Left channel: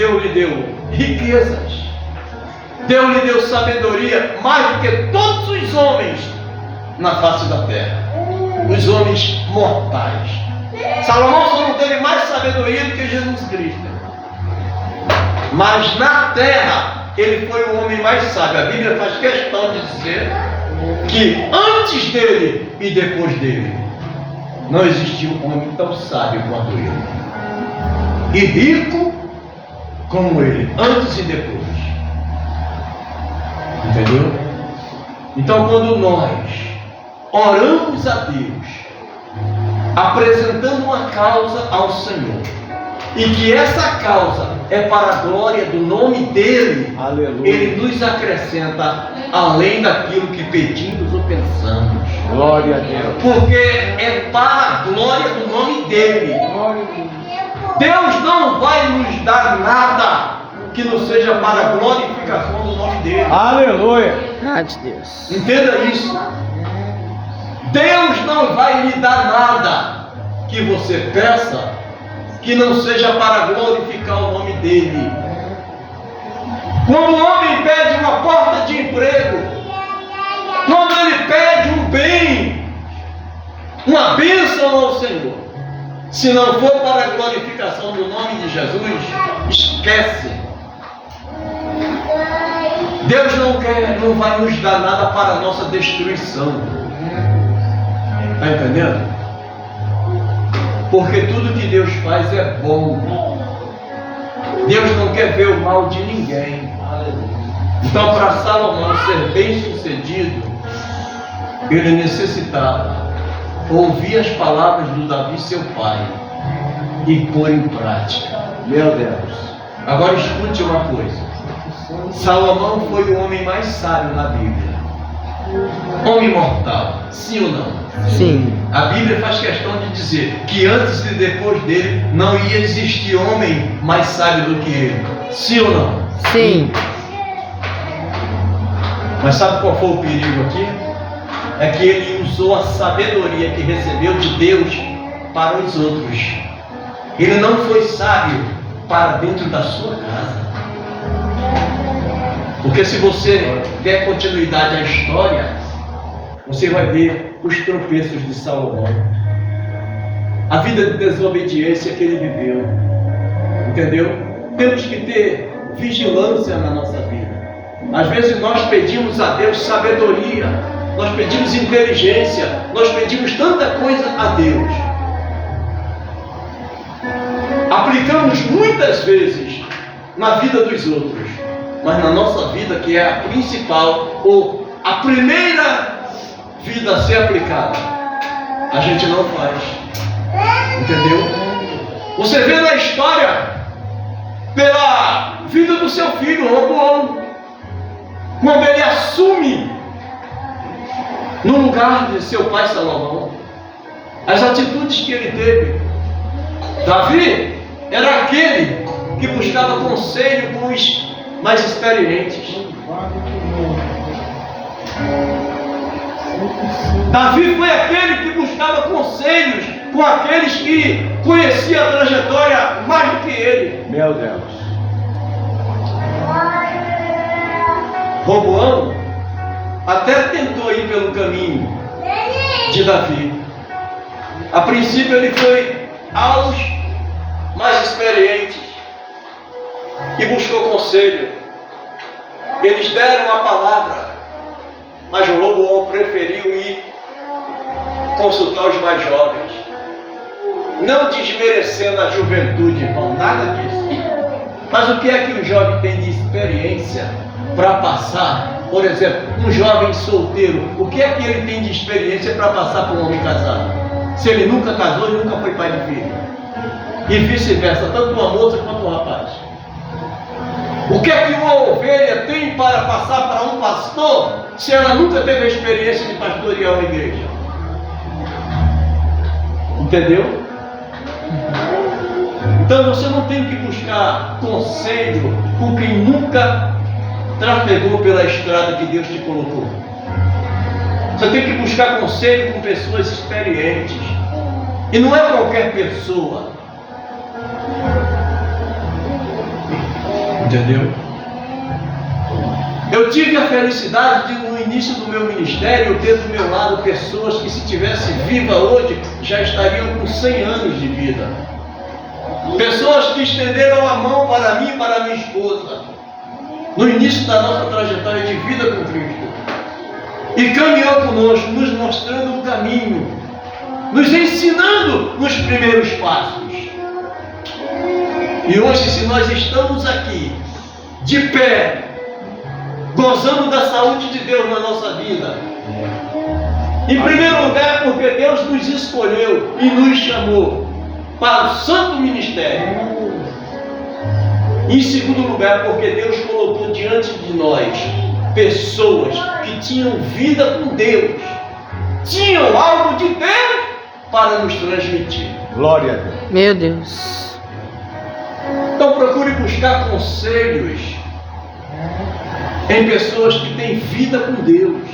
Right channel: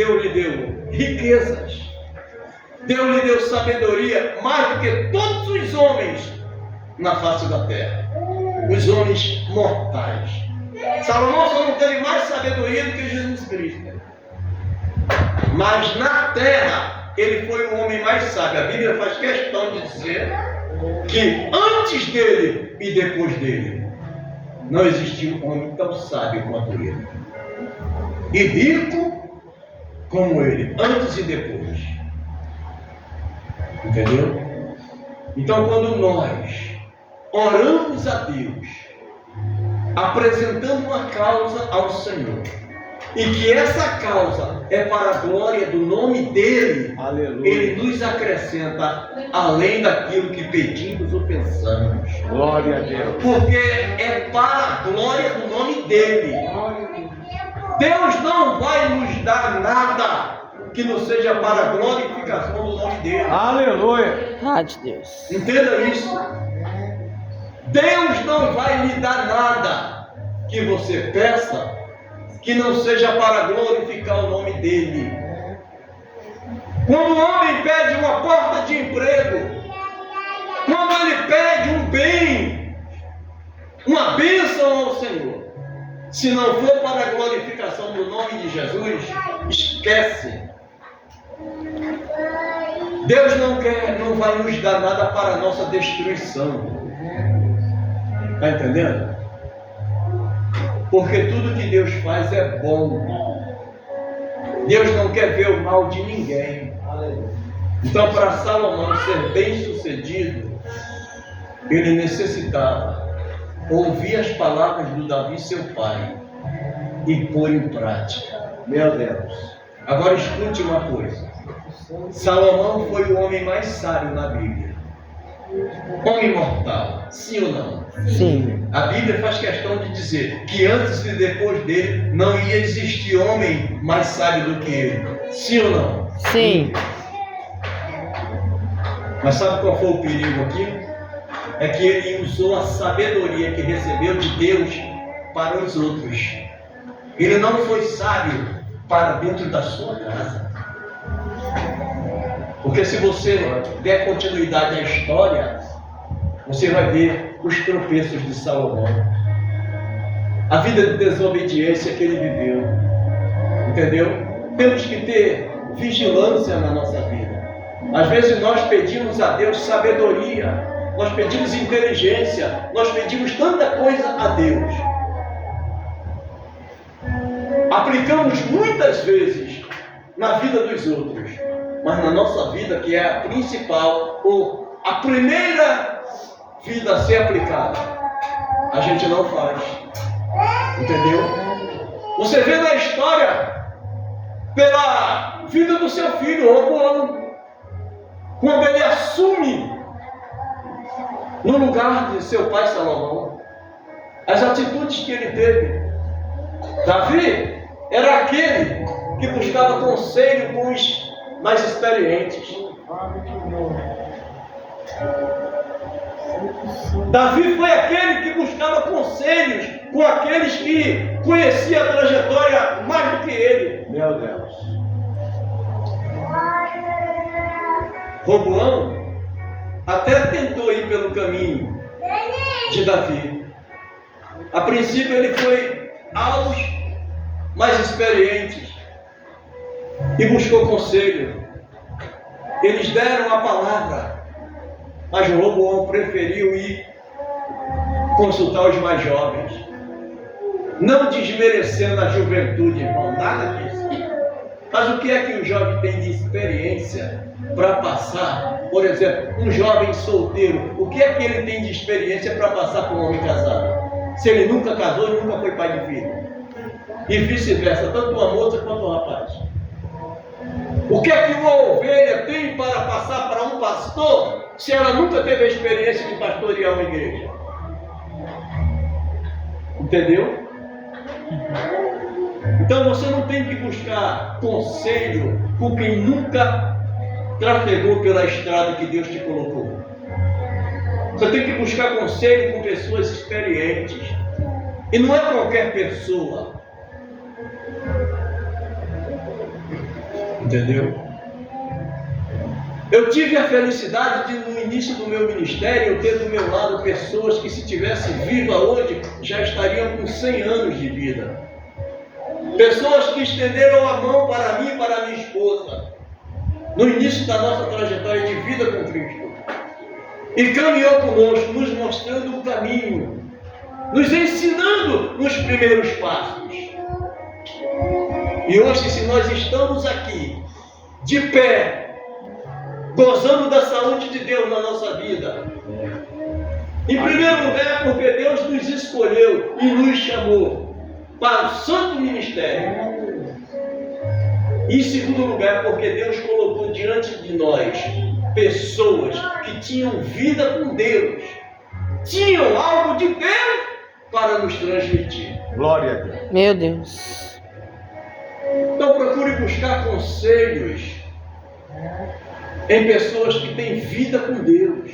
Deus lhe deu riquezas, Deus lhe deu sabedoria mais do que todos os homens na face da terra, os homens mortais. Salomão só não teve mais sabedoria do que Jesus Cristo, mas na terra ele foi o homem mais sábio. A Bíblia faz questão de dizer que antes dele e depois dele não existiu um homem tão sábio quanto ele, e rico como ele, antes e depois. Entendeu? Então, quando nós oramos a Deus, apresentando uma causa ao Senhor, e que essa causa é para a glória do nome dele, aleluia, ele nos acrescenta além daquilo que pedimos ou pensamos. Glória a Deus. Porque é para a glória do nome dele. Deus não vai nos dar nada que não seja para a glorificação do nome dele. Aleluia. Verdade, Deus. Entenda isso. Deus não vai lhe dar nada que você peça que não seja para glorificar o nome dele. Quando o homem pede uma porta de emprego, quando ele pede um bem, uma bênção ao Senhor, se não for para a glorificação do nome de Jesus, esquece. Deus não vai nos dar nada para a nossa destruição. Está entendendo? Porque tudo que Deus faz é bom. Deus não quer ver o mal de ninguém. Então, para Salomão ser bem sucedido, ele necessitava ouvir as palavras do Davi, seu pai, e pôr em prática. Meu Deus. Agora escute uma coisa. Salomão foi o homem mais sábio na Bíblia. Homem mortal, sim ou não? Sim. A Bíblia faz questão de dizer que antes e depois dele não ia existir homem mais sábio do que ele. Sim ou não? Sim. Mas sabe qual foi o perigo aqui? É que ele usou a sabedoria que recebeu de Deus para os outros. Ele não foi sábio para dentro da sua casa. Porque se você der continuidade à história, você vai ver os tropeços de Salomão, a vida de desobediência que ele viveu. Entendeu? Temos que ter vigilância na nossa vida. Às vezes nós pedimos a Deus sabedoria, nós pedimos inteligência, nós pedimos tanta coisa a Deus. Aplicamos muitas vezes na vida dos outros, mas na nossa vida, que é a principal ou a primeira vida a ser aplicada, a gente não faz. Entendeu? Você vê na história pela vida do seu filho Roboão, quando ele assume no lugar de seu pai Salomão, as atitudes que ele teve. Davi era aquele que buscava conselho com os mais experientes. Davi foi aquele que buscava conselhos com aqueles que conheciam a trajetória mais do que ele. Meu Deus. Roboão até tentou ir pelo caminho de Davi. A princípio ele foi aos mais experientes e buscou conselho. Eles deram a palavra, mas o Roboão preferiu ir consultar os mais jovens, não desmerecendo a juventude, irmão, nada disso. Mas o que é que um jovem tem de experiência para passar? Por exemplo, um jovem solteiro, o que é que ele tem de experiência para passar por um homem casado? Se ele nunca casou e nunca foi pai de filho. E vice-versa, tanto uma moça quanto um rapaz. O que é que uma ovelha tem para passar para um pastor, se ela nunca teve a experiência de pastorear uma igreja? Entendeu? Então você não tem que buscar conselho com quem nunca trafegou pela estrada que Deus te colocou. Você tem que buscar conselho com pessoas experientes. E não é qualquer pessoa. Entendeu? Eu tive a felicidade de, no início do meu ministério, ter do meu lado pessoas que, se tivessem viva hoje, já estariam com 100 anos de vida. Pessoas que estenderam a mão para mim e para minha esposa, no início da nossa trajetória de vida com Cristo. E caminhou conosco, nos mostrando o caminho, nos ensinando nos primeiros passos. E hoje, se nós estamos aqui, de pé, gozando da saúde de Deus na nossa vida, em primeiro lugar, porque Deus nos escolheu e nos chamou para o santo ministério. Em segundo lugar, porque Deus colocou diante de nós pessoas que tinham vida com Deus, tinham algo de Deus para nos transmitir. Glória a Deus. Meu Deus. Então procure buscar conselhos em pessoas que têm vida com Deus.